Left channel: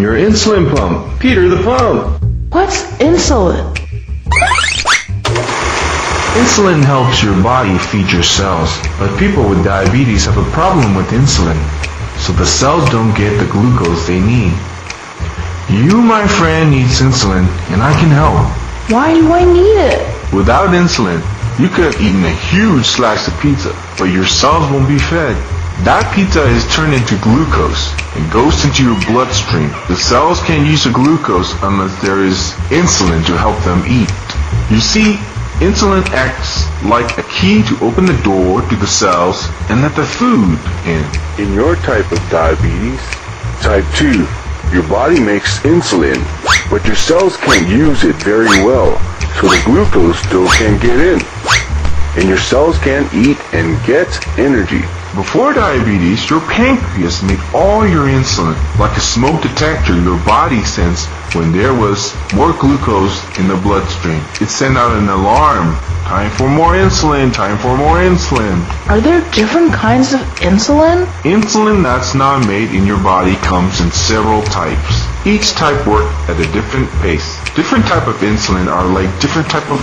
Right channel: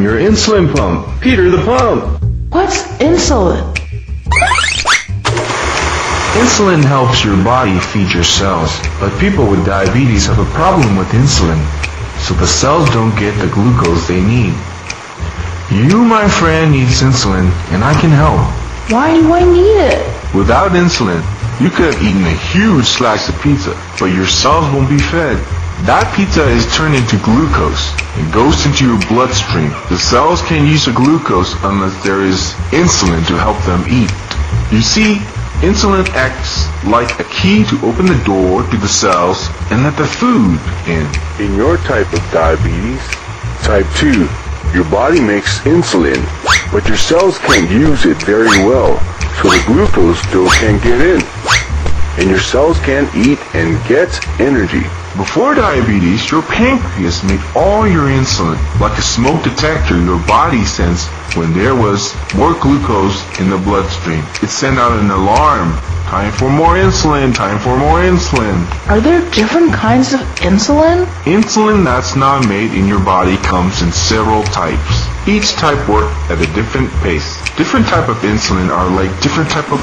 I'm your insulin pump, Peter the Pump. What's insulin? Insulin helps your body feed your cells, but people with diabetes have a problem with insulin, so the cells don't get the glucose they need. You, my friend, needs insulin, and I can help. Why do I need it? Without insulin, you could have eaten a huge slice of pizza, but your cells won't be fed. That pizza is turned into glucose and goes into your bloodstream. The cells can't use the glucose unless there is insulin to help them eat. You see, insulin acts like a key to open the door to the cells and let the food in. In your type of diabetes, type 2, your body makes insulin, but your cells can't use it very well, so the glucose still can't get in. And your cells can't eat and get energy. Before diabetes, your pancreas made all your insulin. Like a smoke detector, your body sensed when there was more glucose in the bloodstream. It sent out an alarm. Time for more insulin, time for more insulin. Are there different kinds of insulin? Insulin that's not made in your body comes in several types. Each type works at a different pace. Different type of insulin are like different type of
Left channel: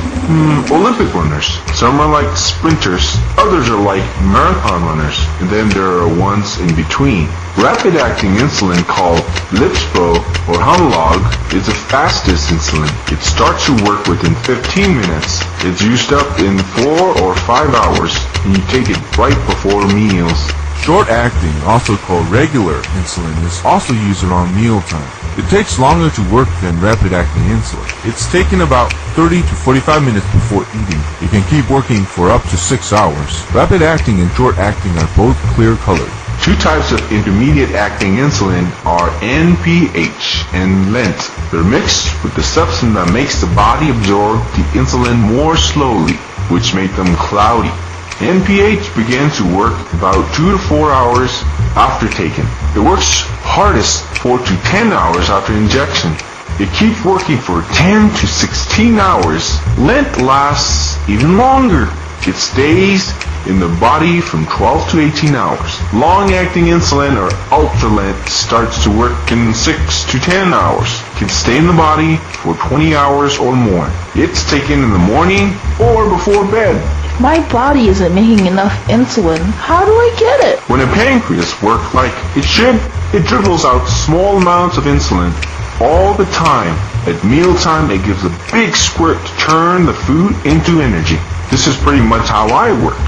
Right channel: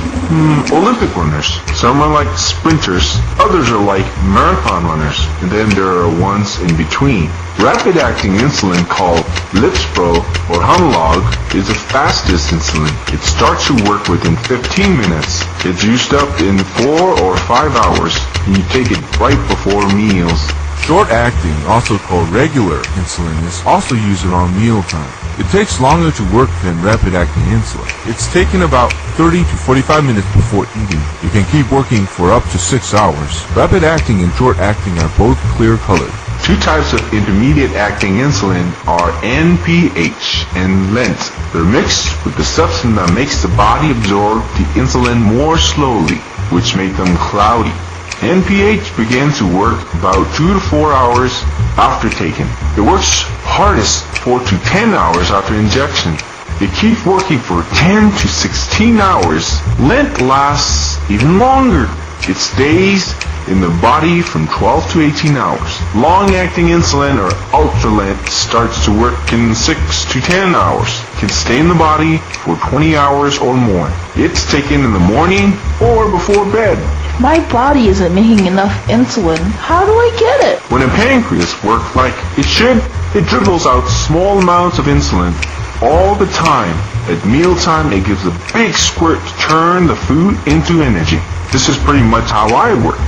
Olympic runners. Some are like sprinters, others are like marathon runners, and then there are ones in between. Rapid-acting insulin called Lispro or Humalog is the fastest insulin. It starts to work within 15 minutes. It's used up in 4 or 5 hours, and you take it right before meals. Short-acting, also called regular insulin, is also used around mealtime. It takes longer to work than rapid-acting insulin. It's taken about 30 to 45 minutes before eating. It can keep working for up to 6 hours. Rapid-acting and short-acting are both clear-colored. Two types of intermediate-acting insulin are NPH and Lent. They're mixed with the substance that makes the body absorb the insulin more slowly, which makes them cloudy. NPH begins to work about 2 to 4 hours after taking. It works hardest 4 to 10 hours after injection. It keeps working for 10 to 16 hours. Lent lasts even longer. It stays in the body from 12 to 18 hours. Long-acting insulin or Ultralent starts to work in 6 to 10 hours. It can stay in the body for 20 hours or more. It's taken in the morning or before bed. If my body isn't making enough insulin, how do I get it? When a pancreas works like it should, it dribbles out small amounts of insulin all the time. At mealtime, it gives a big squirt to turn the food into energy. This is pretty much how I work.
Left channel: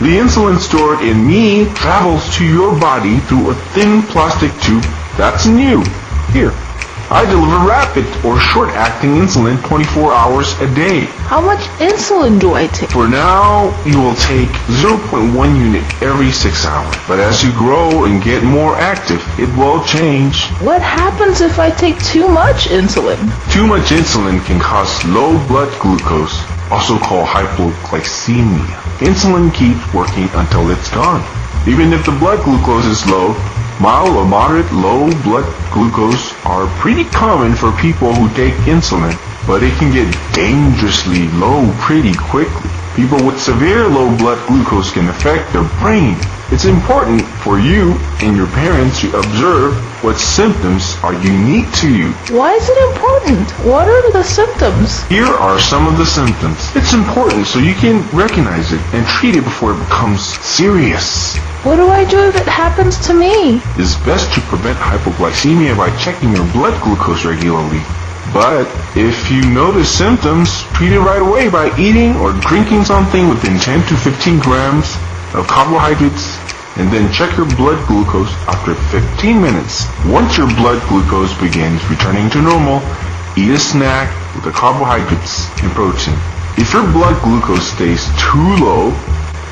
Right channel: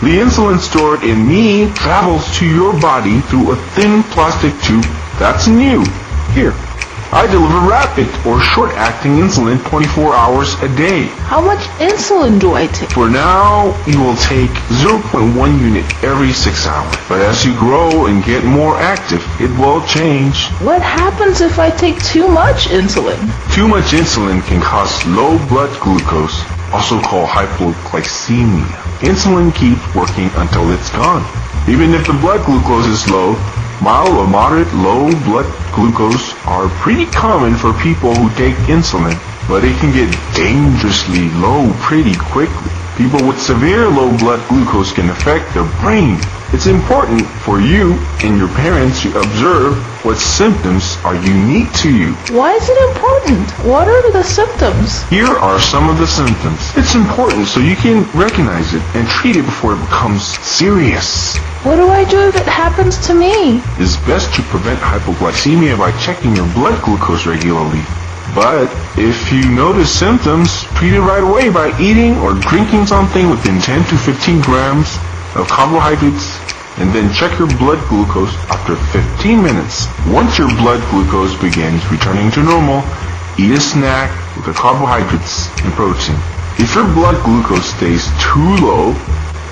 The insulin stored in me travels to your body through a thin plastic tube that's new. Here, I deliver rapid or short-acting insulin 24 hours a day. How much insulin do I take? For now, you will take 0.1 unit every 6 hours. But as you grow and get more active, it will change. What happens if I take too much insulin? Too much insulin can cause low blood glucose, also called hypoglycemia. Insulin keeps working until it's gone. Even if the blood glucose is low, mild or moderate low blood glucose are pretty common for people who take insulin, but it can get dangerously low pretty quickly. People with severe low blood glucose can affect their brain. It's important for you and your parents to observe what symptoms are unique to you. Why is it important? What are the symptoms? Here are some of the symptoms. It's important so you can recognize it and treat it before it becomes serious. What do I do if it happens to me? It's best to prevent hypoglycemia by checking your blood glucose regularly. But if you notice symptoms, treat it right away by eating or drinking something within 10 to 15 grams of carbohydrates, and then check your blood glucose after 15 minutes. Once your blood glucose begins returning to normal, eat a snack with the carbohydrates and protein. If your blood glucose stays too low,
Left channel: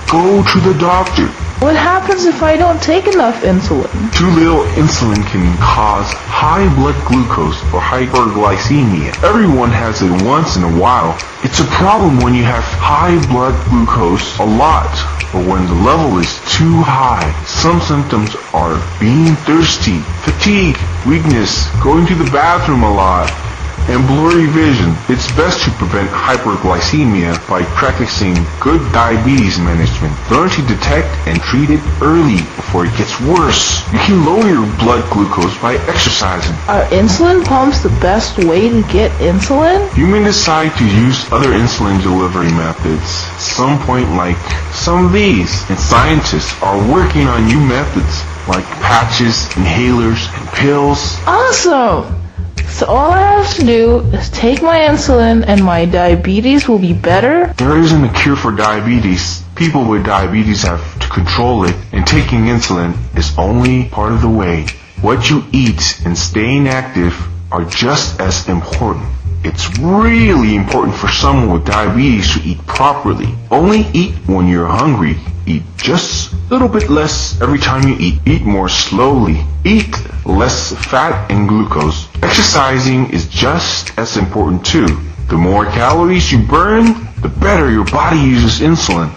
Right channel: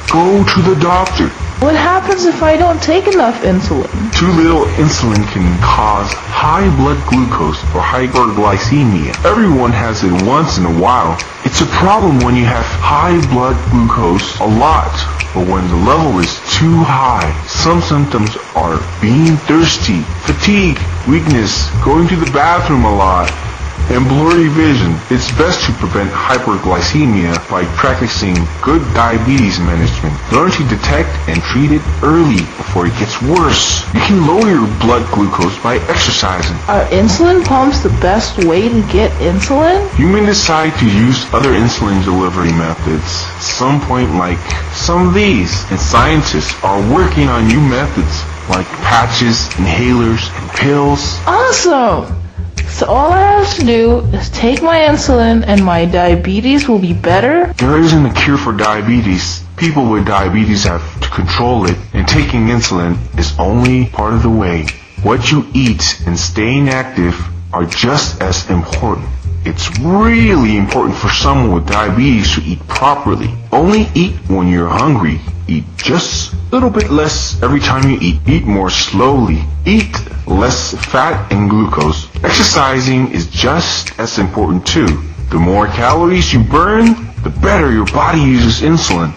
go to the doctor. What happens if I don't take enough insulin? Too little insulin can cause high blood glucose or hyperglycemia. Everyone has it once in a while. It's a problem when you have high blood glucose a lot, or when the level is too high. Some symptoms are being thirsty, fatigue, weakness, going to the bathroom a lot, and blurry vision. It's best to prevent hyperglycemia by practicing good diabetes management. Learn to detect and treat it early before it gets worse. You can lower your blood glucose by exercising. Are insulin pumps the best way to get insulin? You may decide to use other insulin delivery methods at some point, like some of these. And scientists are working on new methods like patches, inhalers, and pills. Awesome! So all I have to do is take my insulin and my diabetes will be better? There isn't a cure for diabetes. People with diabetes have to control it, and taking insulin is only part of the way. What you eat and staying active are just as important. It's really important for someone with diabetes to eat properly. Only eat when you're hungry. Eat just a little bit less every time you eat. Eat more slowly. Eat less fat and glucose. Exercising is just as important too. The more calories you burn, the better your body uses insulin.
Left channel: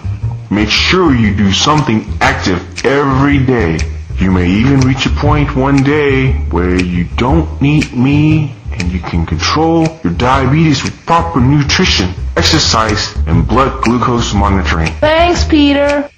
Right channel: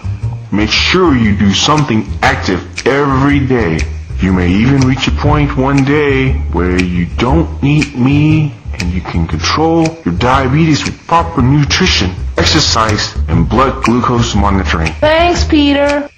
Make sure you do something active every day. You may even reach a point one day where you don't need me and you can control your diabetes with proper nutrition, exercise, and blood glucose monitoring. Thanks, Peter.